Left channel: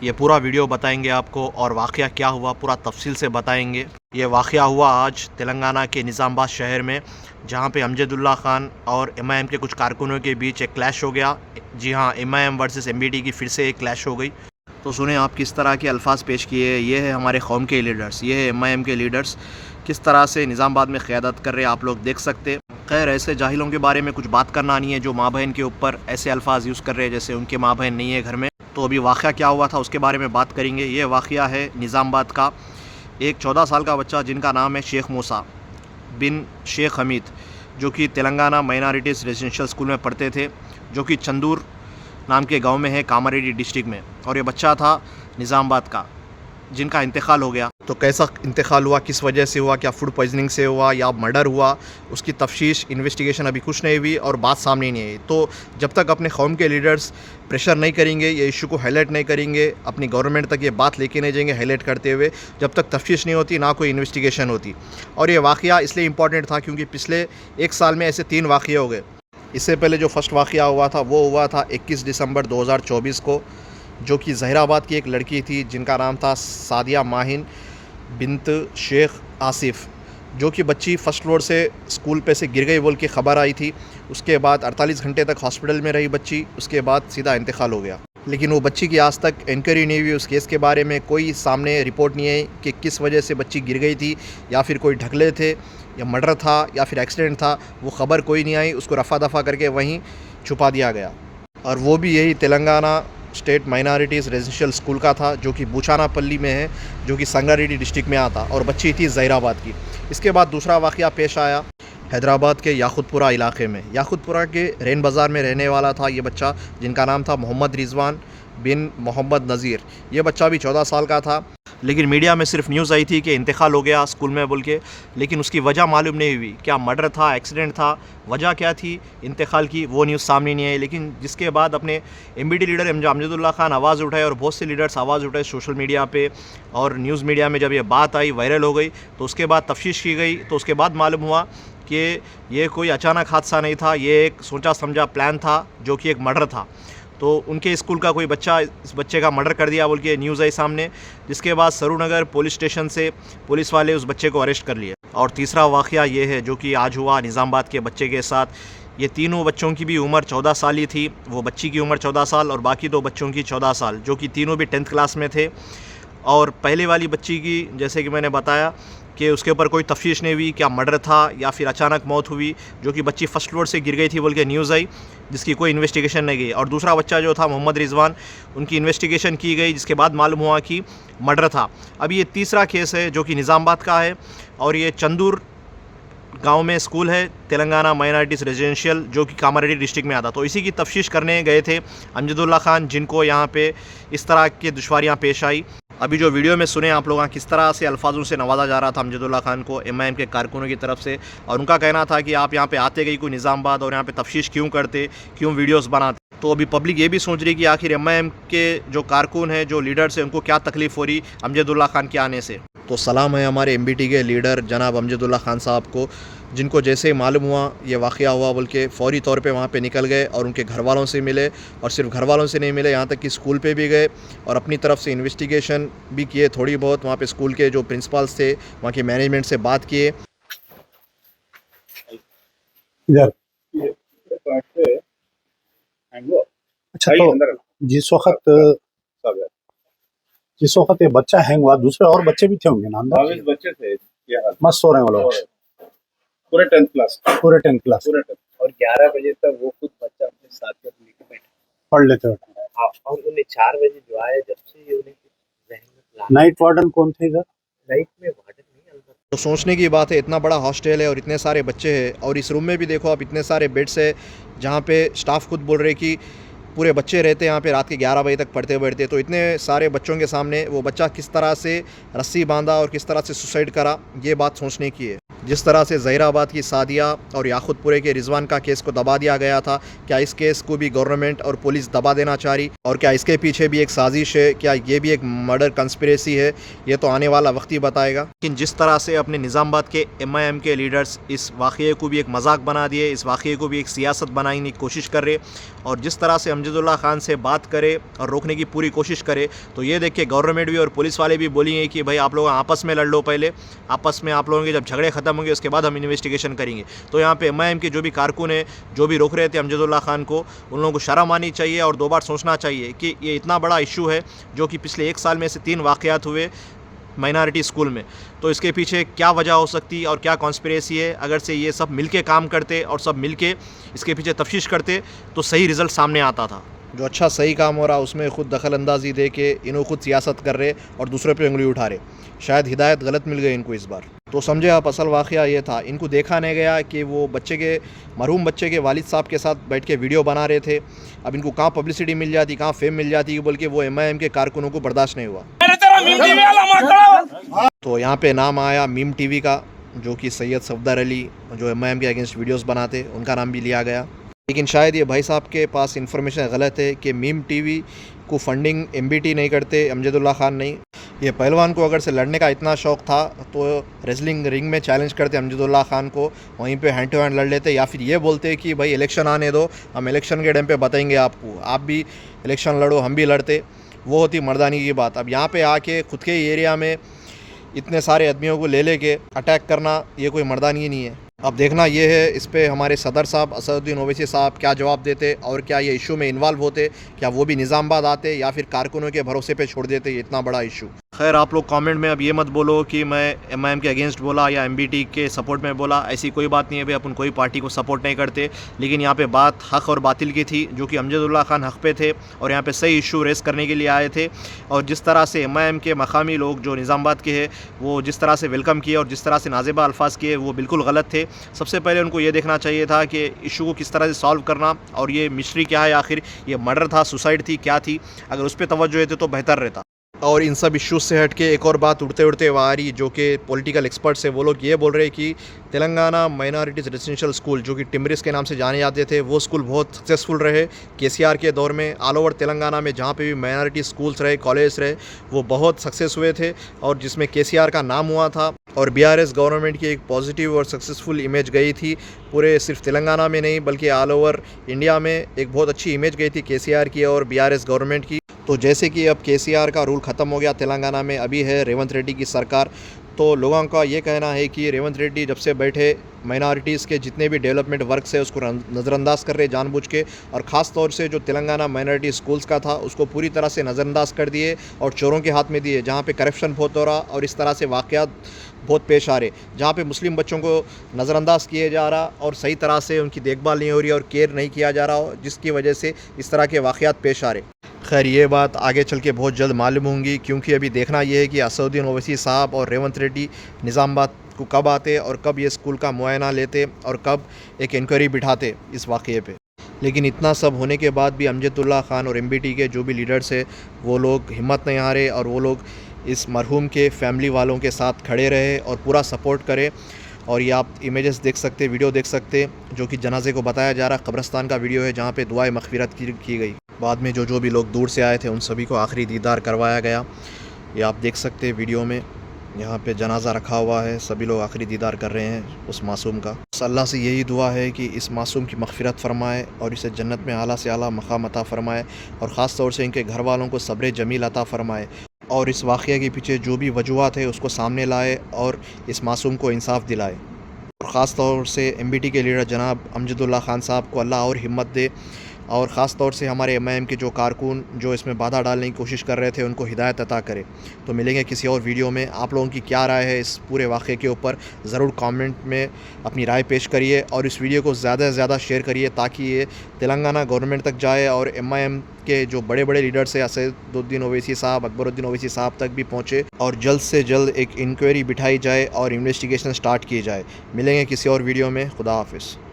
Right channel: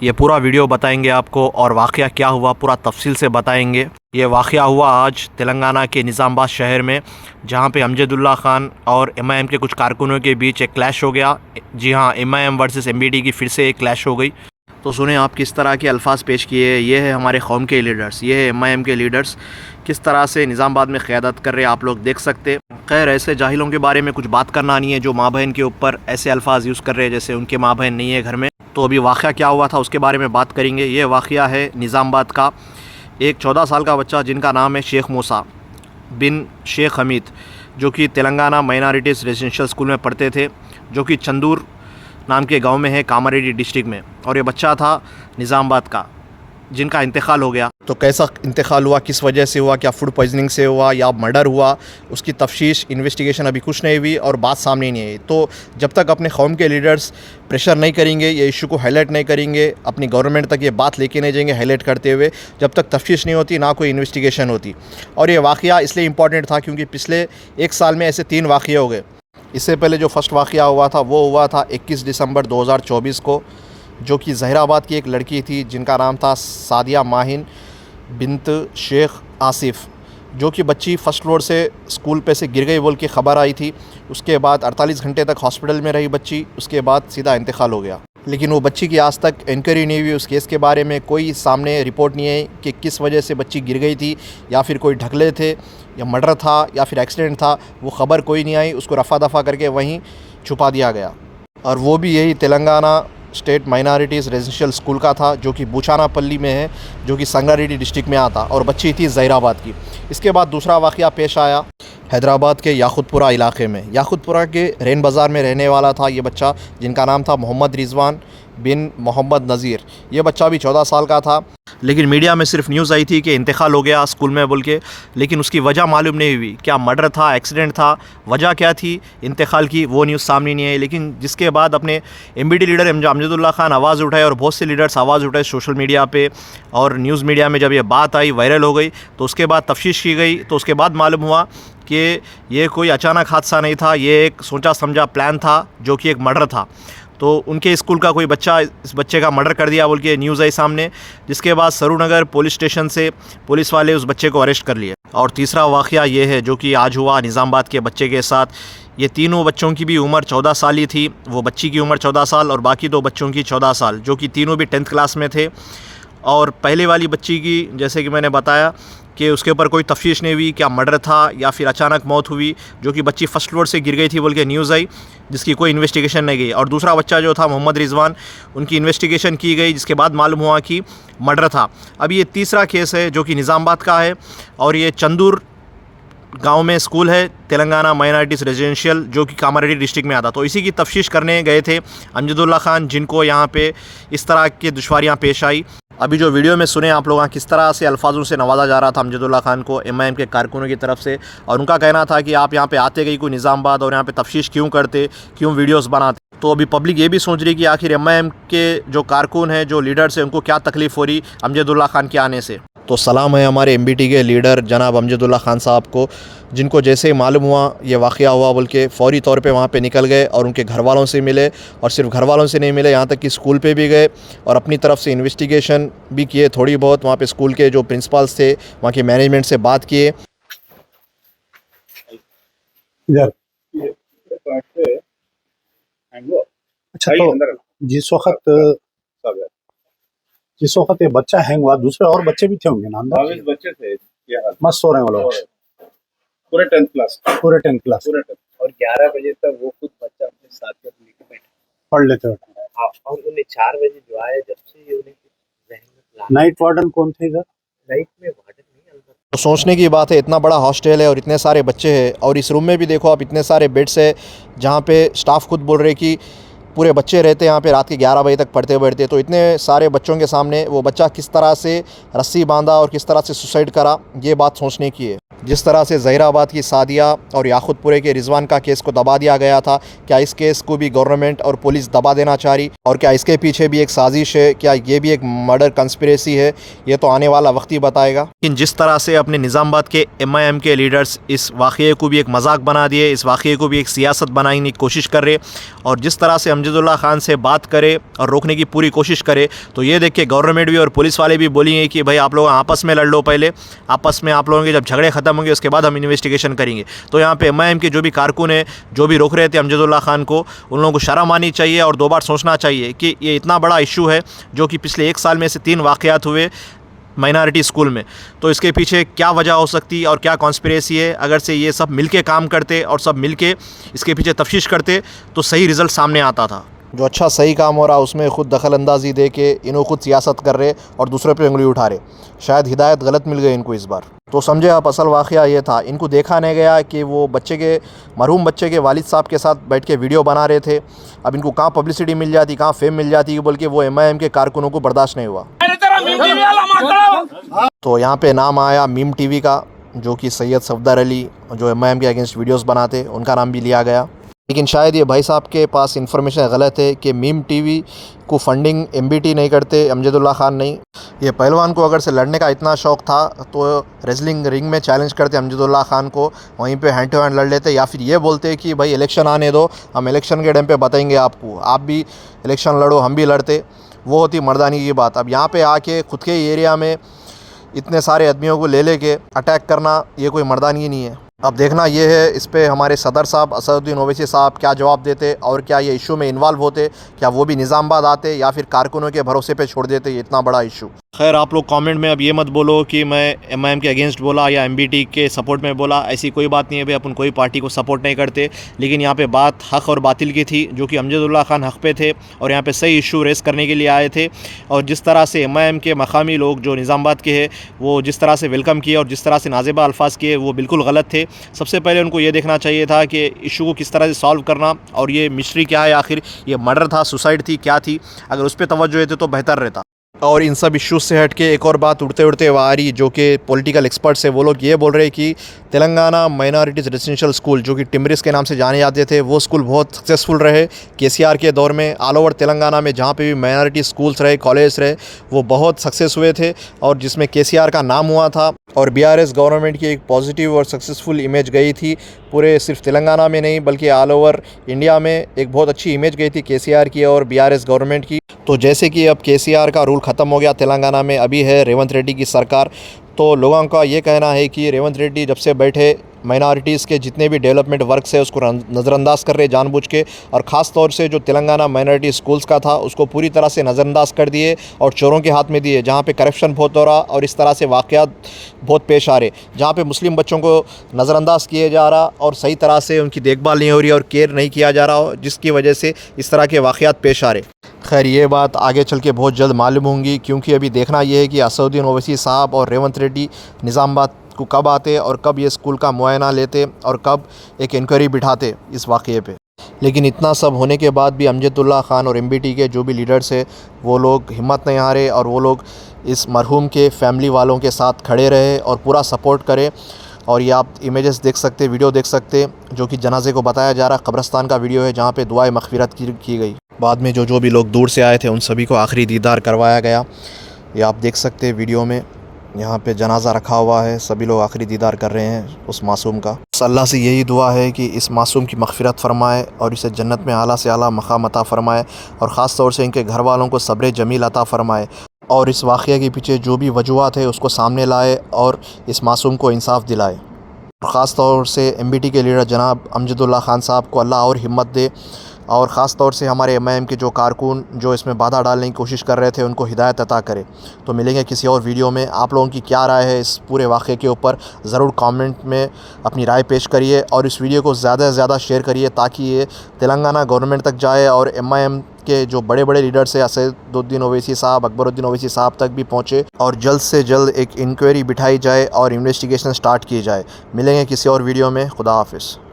ये पूरा वीडियो बताएंगे आपको और वाक़या क्या हुआ पूरा तफसील से बताएंगे। ये वाक़या हुआ आज तेलंगाना के निज़ामाबाद शहर में, जहाँ पे अमजदुल्ला खान और एमआईएम के कुछ कारकुनों के बीच एक क्लैश हो गया। जी हाँ, एमआईएम वर्सेस एमबीटी की फिर से एक क्लैश हो गई। तो सुने आप किस तरह के अल्फाज पेश किए। ये है हमारे कौम के लीडर्स, ये है एमआईएम के लीडर्स, किस तरह से निज़ामाबाद में क़यादत कर रहे हैं, आप लोग देख सकते। खैर, ऐसे जाहिलों के बारे में कुछ बात करना नहीं है जो माँ बहन के ऊपर ऐसे अल्फाज यूज़ कर रहे हैं जैसे उनके माँ बहन नहीं है घर में। तो अभी वाक़या क्या हुआ था उसके बारे में बात करेंगे। ये वाक़या है निज़ामाबाद का। एक 14 साल का बच्चा जिनका नाम है शेख मूसा बिन शेख हमीद, जो कि तेलंगाना माइनॉरिटीज़ रेजिडेंशियल स्कूल में पढ़ते थे, जो कि चंदूर नाम के गांव में है कामारेड्डी डिस्ट्रिक्ट में। और ये बच्चा था निज़ामाबाद का जिनका इंतकाल हो गया। तो कैसा इंतकाल हुआ, किस वजह से हुआ, क्या फूड पॉइजनिंग से हुआ या मर्डर हुआ, उसकी तफ्तीश इन्वेस्टिगेशन अभी कुछ नहीं हुई और बात सामने नहीं आई। तो जब तक अपने कौम के लीडर्स प्रेशर नहीं करेंगे, ये इशू को हाईलाइट नहीं करेंगे, अपनी गवर्नमेंट तक ये बात लेके नहीं जाएंगे हाईलाइट करते हुए, जब तक तफ्तीश नहीं होती ना कोई इन्वेस्टिगेशन होती। और ये वाक़या इसलिए इम्पॉर्टेंट था क्योंकि पिछले एक साल में ऐसे 3 वाक़ये हो गए। इससे पहले जो फर्स्ट वाक़या हुआ था वो हुआ था 21 दिसंबर 2024 को, जो कि ज़हीराबाद की एक लड़की थी जिनका नाम था सादिया माहिन बिन्त शेख आसिफ, जो कि बच्ची फ़र्स्ट फ्लोर से स्कूल पे से गिर गई बोल के ख़बर आई थी। उसके बाद 48 घंटे तक हॉस्पिटल में रही बच्ची, उसके बाद सीधा इंतकाल हो गया। लेकिन वो बच्ची की आज तक इंक्वायरी नहीं हुई, उस केस के बारे में कोई सामने रिपोर्ट नहीं है कि किस वजह से बच्ची गिर गई थी, या फिर कोई ढकले थे, या मर्डर था, या फिर एक्सीडेंट था। वो ख़बर कोई नहीं आई, उसको रफ़ा दफ़ा करके वहीं छुपा दिया गया। और वो भी यही Telangana state minorities residential school का था, जो कि बूचानापल्ली में है, जो कि संगारेड्डी डिस्ट्रिक्ट में आता, और बच्ची थी ज़हीराबाद की। इसके बाद दूसरा वाक़या पेश आया हैदराबाद के याकुतपुरा इलाके में। याकुतपुरा के रैन बाज़ार में रहने वाला था ये बच्चा, जिनका नाम था मोहम्मद रिजवान बिन मोहम्मद नज़ीर। ये बच्चा भी 14 साल का था, लेकिन मीडिया में सिर्फ न्यूज़ आई थी कि इंतकाल हो गया स्कूल में बोल के, लेकिन उसकी वजह मालूम नहीं हुई। क्या मर्डर था, एक्सीडेंट था, वजह क्या थी इंतकाल की, वो न्यूज़ सामने नहीं आई। लेकिन जिसके बाद अपने एमबीटी लीडर अमजदुल्ला खान आवाज़ उठाए और बहुत से लीडर्स आवाज़ उठाए सोशल मीडिया पे और न्यूज़ मीडिया में, जब ये बात आई वायरल हो गई, तो उसके बाद तफ्तीश की गई। तो उसके बाद मालूम हुआ कि ये कोई अचानक हादसा नहीं था, ये एक सोचा समझा प्लान था, जो कि एक मर्डर था। तो उनके स्कूल का कोई बच्चा इस बच्चे का मर्डर कर दिया बोल के न्यूज़ आई सामने, जिसके बाद सरूनगर पुलिस स्टेशन से पुलिस वाले उस बच्चे को अरेस्ट कर लिए। और तीसरा वाक़या ये है जो कि आज हुआ निज़ामाबाद के बच्चे के साथ। ये तीनों बच्चों की भी उम्र 14 साल ही थी। वो बच्ची की उम्र 14 साल और बाकी 2 बच्चों की 14 साल, जो कि तीनों भी 10th क्लास में थे। और पहले वाली बच्ची की, जैसे कि मैंने बताया कि उसके ऊपर कोई तफ्तीश नहीं हुई, क्या मर्डर था या फिर अचानक मौत हुई, जो कि बच्ची फ़र्स्ट फ्लोर से गिर गई थी बोल के न्यूज़ आई, जिसकी कोई इन्वेस्टिगेशन नहीं गई। और दूसरा बच्चा जो था मोहम्मद रिजवान, उनकी इन्वेस्टिगेशन की गई, जिसके बाद मालूम हुआ कि मर्डर था। अब ये तीसरा केस है जो कि निज़ामाबाद का है, और ये चंदूर गांव में स्कूल है तेलंगाना माइनॉरिटीज़ रेजिडेंशियल, जो कि कामारेड्डी डिस्ट्रिक्ट में आता। तो इसी की तफ्तीश करने गए थे अमजदुल्ला खान, जिनको यहाँ पे इस तरह की दुश्वारियाँ पेश आई। अभी जो वीडियो में सुने आप लोग, किस तरह से अल्फाजों से नवाजा जा रहा था अमजदुल्ला खान को एमआईएम के कारकुनों की तरफ से, और उनका कहना था कि आप यहाँ पे आते गई कोई निज़ामाबाद और यहाँ पे तफ्तीश क्यों करते, क्यों वीडियोस बनाते। तो अभी पब्लिक ये भी सोच रही कि आखिर एमआईएम के जो कारकुन हैं, जो लीडर्स हैं, उनको क्या तकलीफ़ हो रही अमजदुल्ला खान के आने से। तो सलाम है हमारे एमबीटी के लीडर जनाब अमजदुल्ला खान साहब को, जिनको जैसे ही मालूम हुआ ये वाक़या हुआ बोल के फ़ौरी तौर पे वहाँ पे निकल गए और उनके घर वालों से मिले। और सिर्फ घर वालों से नहीं मिले, यहाँ तक कि स्कूल पे भी गए और अपनी तरफ से इन्वेस्टिगेशन भी किए थोड़ी बहुत। वहाँ पे स्कूल के जो प्रिंसिपल्स थे, वहाँ के मैनेजमेंट से बात किए। इधर अच्छा, तो जिस वक्त ये बच्चा हैंग हुआ, दूसरे और बच्चे भी थे होंगे ना अंदर? बच्चे थे, मस्त हो रहे हैं वो लोग, पूरे 10th क्लास। पूरे 10th क्लास और 11 बजे तक वो खुद बच्चा अपने साथियों को लेकर बैठे पढ़ लेते हो। हाँ, और उन्हें 4 बजे जो आया, जब से ये उन्हें नाइट वार्डन कौन थे इधर? नाइट में वार्डन नहीं अंदर। तो सोचने की बात है, इतना बड़ा हॉस्टल है और इतने सारे बच्चे हैं, और इस रूम में भी देखो आप इतने सारे बेड्स है, जहाँ पे स्टाफ खुद बोल रहे कि पूरे बच्चे रहते हैं यहाँ पे रात के 11 बजे तक पढ़ते बैठते। तो इतने सारे बच्चों के सामने वो बच्चा किस तरह से रस्सी बांधा और किस तरह से सुसाइड करा, ये बात सोचने की है। जिस तरह से ज़हीराबाद की सादिया और याकुतपुरे के रिजवान का केस को दबा दिया गया था, क्या इस केस को भी गवर्नमेंट और पुलिस दबा देना चाह रही? और क्या इसके पीछे भी एक साजिश है? क्या ये भी एक मर्डर कंस्पिरेसी है? ये तो आने वाला वक्त ही बताएगा। लेकिन जिस तरह से अपने निज़ामाबाद के MIM के लीडर्स इस वाक़े को भी एक मजाक बना दिए, इस वाक़े को भी एक सियासत बनाने की कोशिश कर रहे, और जिस तरह से अमजदुल्ला खान से बात करे और रोकने की पूरी कोशिश करे, तो ये देख के गवर्नमेंट भी और पुलिस वाले भी बोलेंगे कि भाई आप लोग आपस में लड़ लो, पहले आपस में आप लोगों के जब झगड़े ख़त्म होंगे उसके बाद हम इन्वेस्टिगेशन करेंगे। तो यहाँ पे MIM के जो भी कारकुन है, जो भी रोक रहे थे अमजदुल्ला खान को, उन लोगों को शर्म आनी चाहिए और 2 बार सोचना चाहिए कि ये इतना बड़ा इशू है जो कि पिछले 1 साल में से 3 वाक़यात हुए माइनॉरिटी स्कूल में। तो इसके पीछे क्या वजह हो सकती है और क्या कॉन्स्पिरेसी है? अगर से ये सब मिलके काम करते और सब मिलके इसके पीछे तफ्तीश करते तो सही रिज़ल्ट सामने आता था। जो अच्छा सही काम हो रहा उसमें ख़ुद दखल अंदाज़ी दे के इन्हों खुद सियासत कर रहे और दूसरे पे उंगली उठा रहे। शायद हिदायत गलत मिल गई इनको इस बार। तो समझे आप, असल वाक़या ये था, इनको देखा नहीं गया कि वो मरहूम बच्चे के वालिद साहब के साथ बैठ के वीडियो बना रहे थे। अब इनको कहाँ पब्लिसिटी मिल जाती, कहाँ फेम मिल जाती, बल्कि वो MIM के कारकुनों को बर्दाश्त नहीं हुआ। तो यहाँ पे नाम आया मीम TV का, जो कि सैयद सफदर अली जो MIM के अगेंस्ट वीडियोस बनाते, उनका नाम भी लिया गया। लेकिन शायद ये भाई साहब के पास इन्फॉर्मेशन गलत है कि मीम TV को फंडिंग MBT नहीं करते, अमजदुल्ला खान नहीं। ये पहलवान को अगर से लड़ने का इतना शौक़ था तो रेसलिंग रिंग में चैलेंज करते अमजदुल्ला खान को, वहीं पे हैंड टू हैंड लड़ लेते, या फिर ये बोलते कि भाई इलेक्शन आने दो, हम इलेक्शन के टाइम पे बताएंगे आपको, आप भी इलेक्शन लड़ो, हम भी लड़ते। वो होती मर्दानी की बात। अब यहाँ पे आके खुद के एरिया में इतने सारे आदमियों को ले के अटैक करना, ये कोई मर्दानगी नहीं है। अब देखना ये है इस पे हमारे सदर साहब असदुद्दीन ओवैसी साहब क्या जवाब देते, और क्या ये इशू में इन्वॉल्व होते, क्या वो भी निज़ामाबाद आते या फिर कारकुनों के भरोसे पे छोड़ देते ये इतना बड़ा इशू। खैर आप लोग कमेंट में अब ये मत बोलो कि मैं MIM के अगेंस्ट बोला या MBT के सपोर्ट में बोला, ऐसी कोई बात नहीं है भाई, अपन कोई पार्टी को सपोर्ट नहीं करते। लेकिन यहाँ पे बात हक़ और बातिल की थी, जो कि अमजदुल्ला खान हक़ पे थे और यहाँ पे सही इशू रेस करने के लिए आए थे। और जिस तरह से MIM के मकामी लोग जो निज़ामाबाद के हैं वो जिस तरह से वेलकम किए और जिस तरह से नाज़ेबा अल्फाज किए, वो बिल्कुल गलत थे। सबसे पहले उनको ये देखना चाहिए था कि इशू को किस तरह से सॉल्व करना, और ये मिस्ट्री क्या है, आखिर ये मर्डर था, सुसाइड थी, क्या थी, अगर उस पर तवज्जो देते तो बेहतर रहता। और इन सब इश्यूज़ से हट के एक और बात उड़ते उड़ते आ रही, जो कि पॉलिटिकल एक्सपर्ट्स है, वो लोग ये बोल रहे हैं कि तेलंगाना माइनॉरिटीज़ रेजिडेंशियल स्कूल जो कि टिमरिस के नाम से जाने जाते थे, वो स्कूल बहुत सक्सेसफुल रहे KCR के दौर में। ऑल ओवर तेलंगाना में जहाँ पे भी माइनॉरिटी स्कूल्स रहे, कॉलेज रहे, वो बहुत सक्सेस हुए थे और जिसमें KCR का नाम हुआ था। और BRS गवर्नमेंट की एक पॉजिटिव और सक्सेसफुल इमेज गई थी, पूरे सिर्फ तेलंगाना में नहीं बल्कि ऑल ओवर इंडिया में एक बहुत अच्छी इमेज गई थी KCR की और BRS गवर्नमेंट की। तो जैसे कि अब KCR का रूल ख़त्म हो गया तेलंगाना में, अभी है रेवंत रेड्डी की सरकार, तो लोगों का ये कहना है कि रेवंत रेड्डी जब से बैठे माइनॉरिटीज़ के जितने भी डेवलपमेंट वर्क्स है उसको नज़रअंदाज कर रहे जानबूझ के, और ख़ास तौर से जो तेलंगाना माइनॉरिटी स्कूल्स का था उसको पूरी तरह से नज़रअंदाज कर दिए और चोरों के हाथ में दिए, जहाँ पे करप्शन बहुत हो रहा और इस तरह से वाक़यात बहुत पेश आ रहे, जहाँ पे मुस्लिम बच्चों को नज़रअंदाज किए जा रहा और सही तरह से उनकी देखभाल नहीं हो रही और केयर नहीं किया जा रहा, जिसकी वजह से इस तरह के वाक़यात पेश आ रहे। खैर ये बात आगे चल के बहुत जल्द मालूम होंगी, क्योंकि अभी देखना ये है कि असदुद्दीन ओवैसी साहब और रेवंत रेड्डी निज़ामाबाद को कब आते और कब ये स्कूल का मुआयना लेते और कब एक इंक्वायरी बिठाते इस वाक़े पे। लेकिन इतना सब होने के बाद भी अमजदुल्ला खान और MBT के जो भी लीडर्स है वो लोग हिम्मत नहीं हारे और वो लोग इस मरहूम के फैमिली वालों के साथ खड़े रहे और पूरा सपोर्ट करे। और ये आप इमेजेस देख सकते, वीडियो देख सकते, जो कि जनाजे को बताया जा रहा कब्रस्तान का वीडियो है, जहाँ पे दुआए मग़फ़िरत की गई। बाद में जो भी लोग दूर से आए थे उन सभी को आखिरी दीदार करवाया गया। ये आप देख सकते वीडियो में, यहाँ पे जनाजा रखा हुआ है, सभी लोग आखिरी दीदार कर रहे हैं उस मासूम का। अल्लाह से यही दुआ है कि इस मासूम की मग़फ़िरत फ़रमाए और इसे जन्नत में आला से आला मक़ाम अता फ़रमाए, और ख़ास तौर से इनके घर वालों को सब्र जमील अता फ़रमाए, और इस वाक़े के पीछे जो भी वजूहात है उसको सामने लाए और इस मासूम को इंसाफ दिलाए। और ख़ास तौर से MBT के लीडर जनाब अमजदुल्ला खान साहब को अल्लाह और हिम्मत दे, और ख़ास तौर से हमारे MIM के जो कारकुन जो इसमें बाधा डालने की कोशिश कर रहे थे उनको हिदायत अता करे। तो मिलेंगे किसी और वीडियो में। आप लोगों की क्या राय है इस पूरे वाक़े के ऊपर, ज़रूर कमेंट में अपनी राय पेश करिए, और इस वीडियो को ज़्यादा से ज़्यादा शेयर करिए ताकि ये तेलंगाना गवर्नमेंट तक जाए और MIM के जो बड़े बड़े लीडर्स हैं असदुद्दीन ओवैसी साहब, अकबरुद्दीन ओवैसी साहब तक भी पहुँचे और जल्द से जल्द एक इंक्वायरी बिठाई जाए और इन्वेस्टिगेशन स्टार्ट की जाए। मिलेंगे किसी और वीडियो में। खुदा हाफिज़।